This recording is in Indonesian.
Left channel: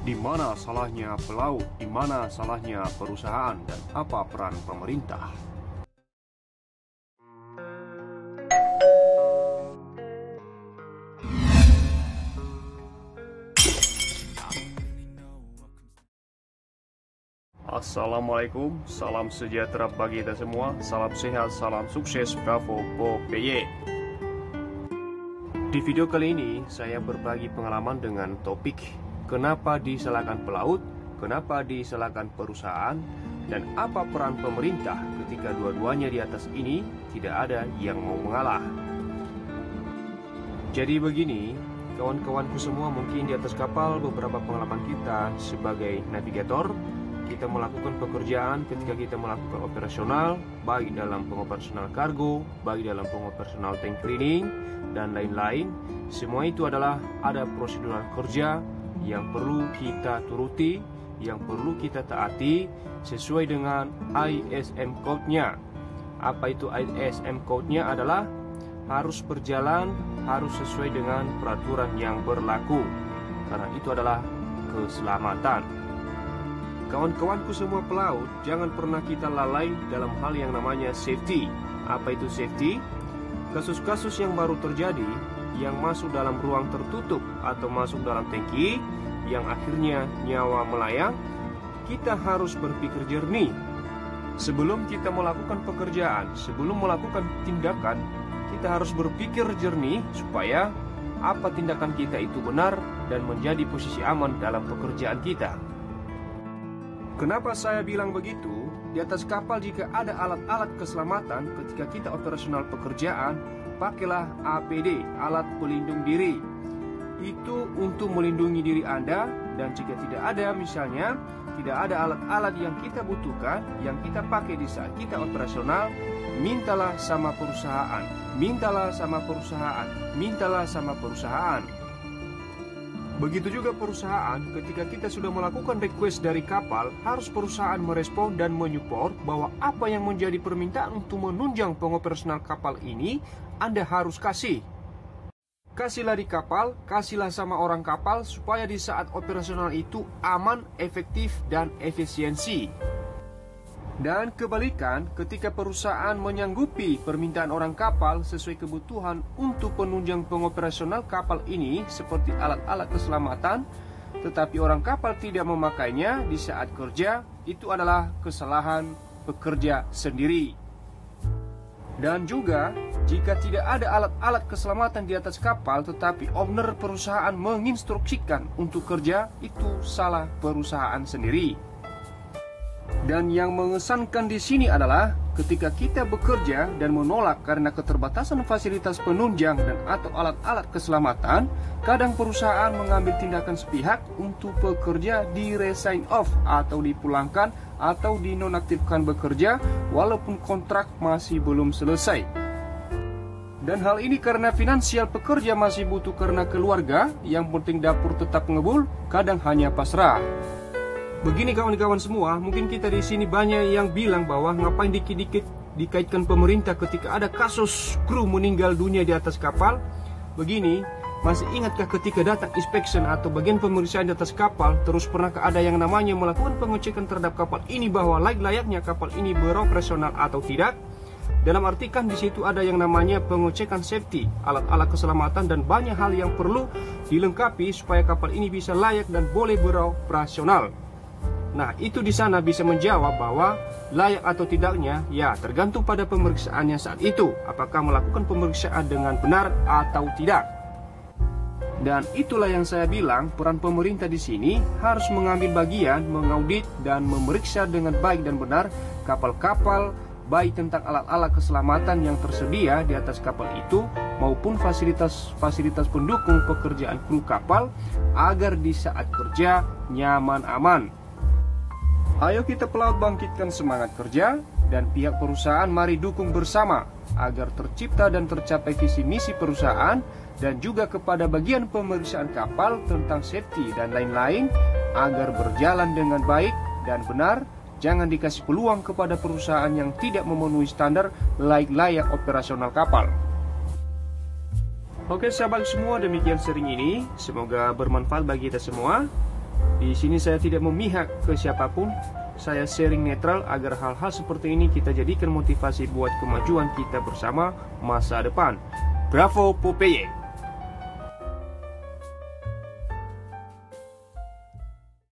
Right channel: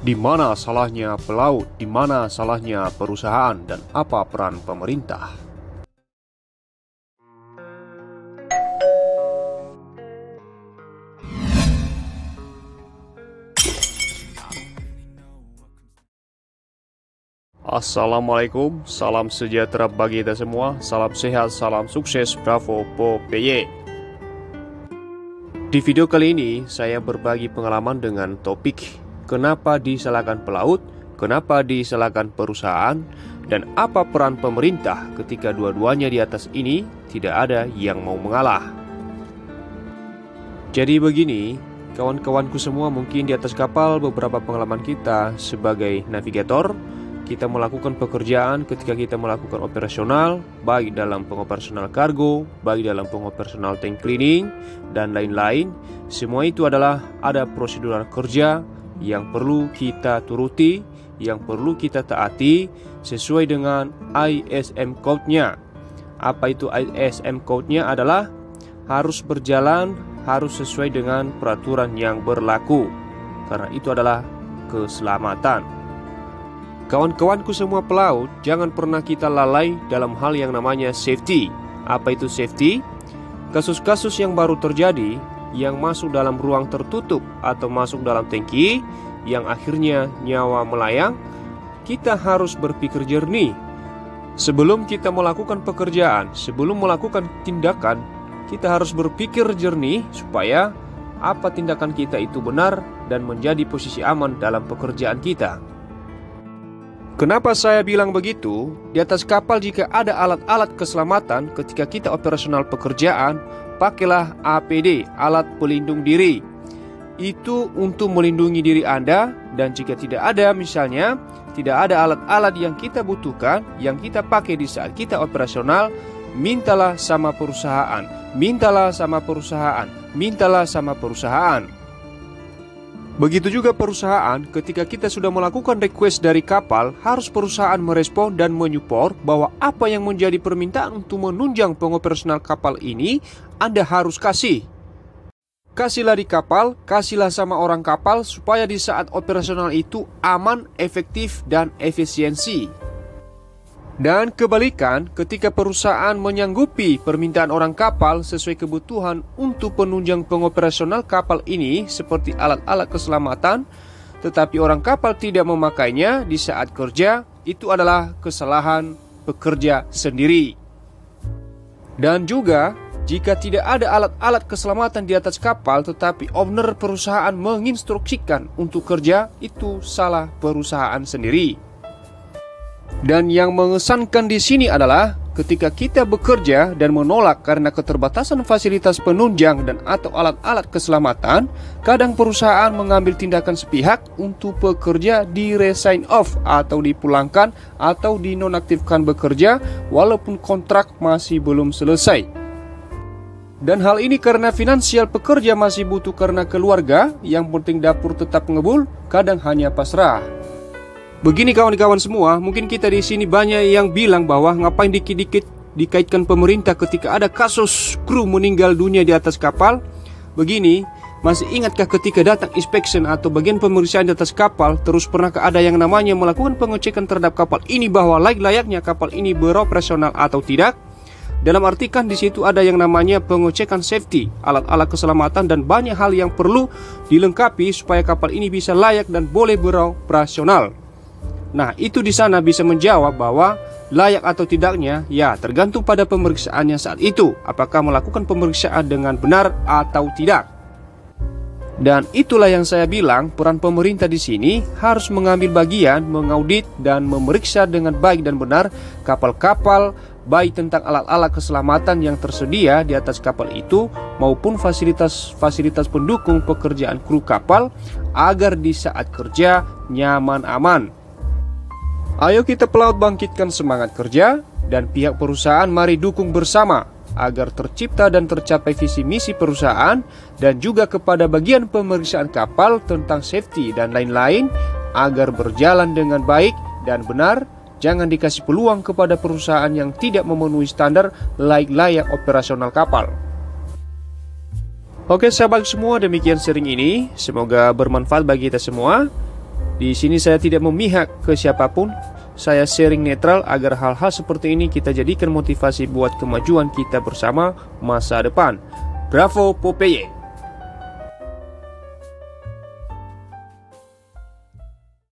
Di mana salahnya pelaut, di mana salahnya perusahaan, dan apa peran pemerintah? Assalamualaikum, salam sejahtera bagi kita semua, salam sehat, salam sukses, bravo, PY. Di video kali ini, saya berbagi pengalaman dengan topik kenapa disalahkan pelaut, kenapa disalahkan perusahaan, dan apa peran pemerintah ketika dua-duanya di atas ini tidak ada yang mau mengalah. Jadi begini, kawan-kawanku semua, mungkin di atas kapal beberapa pengalaman kita sebagai navigator, kita melakukan pekerjaan ketika kita melakukan operasional, baik dalam pengoperasional kargo, baik dalam pengoperasional tank cleaning, dan lain-lain. Semua itu adalah ada prosedur kerja yang perlu kita turuti, yang perlu kita taati sesuai dengan ISM code-nya. Apa itu ISM code-nya? Adalah harus berjalan, harus sesuai dengan peraturan yang berlaku, karena itu adalah keselamatan. Kawan-kawanku semua pelaut, jangan pernah kita lalai dalam hal yang namanya safety. Apa itu safety? Kasus-kasus yang baru terjadi, yang masuk dalam ruang tertutup atau masuk dalam tangki, yang akhirnya nyawa melayang, kita harus berpikir jernih. Sebelum kita melakukan pekerjaan, sebelum melakukan tindakan, kita harus berpikir jernih supaya apa tindakan kita itu benar dan menjadi posisi aman dalam pekerjaan kita. Kenapa saya bilang begitu? Di atas kapal jika ada alat-alat keselamatan ketika kita operasional pekerjaan, pakailah APD, alat pelindung diri. Itu untuk melindungi diri Anda, dan jika tidak ada, misalnya tidak ada alat-alat yang kita butuhkan, yang kita pakai di saat kita operasional, mintalah sama perusahaan, mintalah sama perusahaan, mintalah sama perusahaan. Begitu juga perusahaan, ketika kita sudah melakukan request dari kapal, harus perusahaan merespon dan menyupport bahwa apa yang menjadi permintaan untuk menunjang pengoperasional kapal ini, Anda harus kasih. Kasihlah di kapal, kasihlah sama orang kapal, supaya di saat operasional itu aman, efektif, dan efisiensi. Dan kebalikan, ketika perusahaan menyanggupi permintaan orang kapal sesuai kebutuhan untuk penunjang pengoperasional kapal ini seperti alat-alat keselamatan, tetapi orang kapal tidak memakainya di saat kerja, itu adalah kesalahan pekerja sendiri. Dan juga, jika tidak ada alat-alat keselamatan di atas kapal tetapi owner perusahaan menginstruksikan untuk kerja, itu salah perusahaan sendiri. Dan yang mengesankan di sini adalah ketika kita bekerja dan menolak karena keterbatasan fasilitas penunjang dan atau alat-alat keselamatan, kadang perusahaan mengambil tindakan sepihak untuk pekerja di-resign off atau dipulangkan atau dinonaktifkan bekerja walaupun kontrak masih belum selesai. Dan hal ini karena finansial pekerja masih butuh karena keluarga, yang penting dapur tetap ngebul, kadang hanya pasrah. Begini kawan-kawan semua, mungkin kita di sini banyak yang bilang bahwa ngapain dikit-dikit dikaitkan pemerintah ketika ada kasus kru meninggal dunia di atas kapal. Begini, masih ingatkah ketika datang inspection atau bagian pemeriksaan di atas kapal, terus pernahkah ada yang namanya melakukan pengecekan terhadap kapal ini bahwa layak-layaknya kapal ini beroperasional atau tidak? Dalam arti kan di situ ada yang namanya pengecekan safety, alat-alat keselamatan, dan banyak hal yang perlu dilengkapi supaya kapal ini bisa layak dan boleh beroperasional. Nah, itu di sana bisa menjawab bahwa layak atau tidaknya ya tergantung pada pemeriksaannya saat itu, apakah melakukan pemeriksaan dengan benar atau tidak. Dan itulah yang saya bilang, peran pemerintah di sini harus mengambil bagian, mengaudit dan memeriksa dengan baik dan benar kapal-kapal, baik tentang alat-alat keselamatan yang tersedia di atas kapal itu maupun fasilitas pendukung pekerjaan kru kapal agar di saat kerja nyaman aman. Ayo kita pelaut bangkitkan semangat kerja, dan pihak perusahaan mari dukung bersama agar tercipta dan tercapai visi misi perusahaan, dan juga kepada bagian pemeriksaan kapal tentang safety dan lain-lain agar berjalan dengan baik dan benar. Jangan dikasih peluang kepada perusahaan yang tidak memenuhi standar layak operasional kapal. Oke sahabat semua, demikian sharing ini. Semoga bermanfaat bagi kita semua. Di sini saya tidak memihak ke siapapun. Saya sharing netral agar hal-hal seperti ini kita jadikan motivasi buat kemajuan kita bersama masa depan. Bravo Popeye!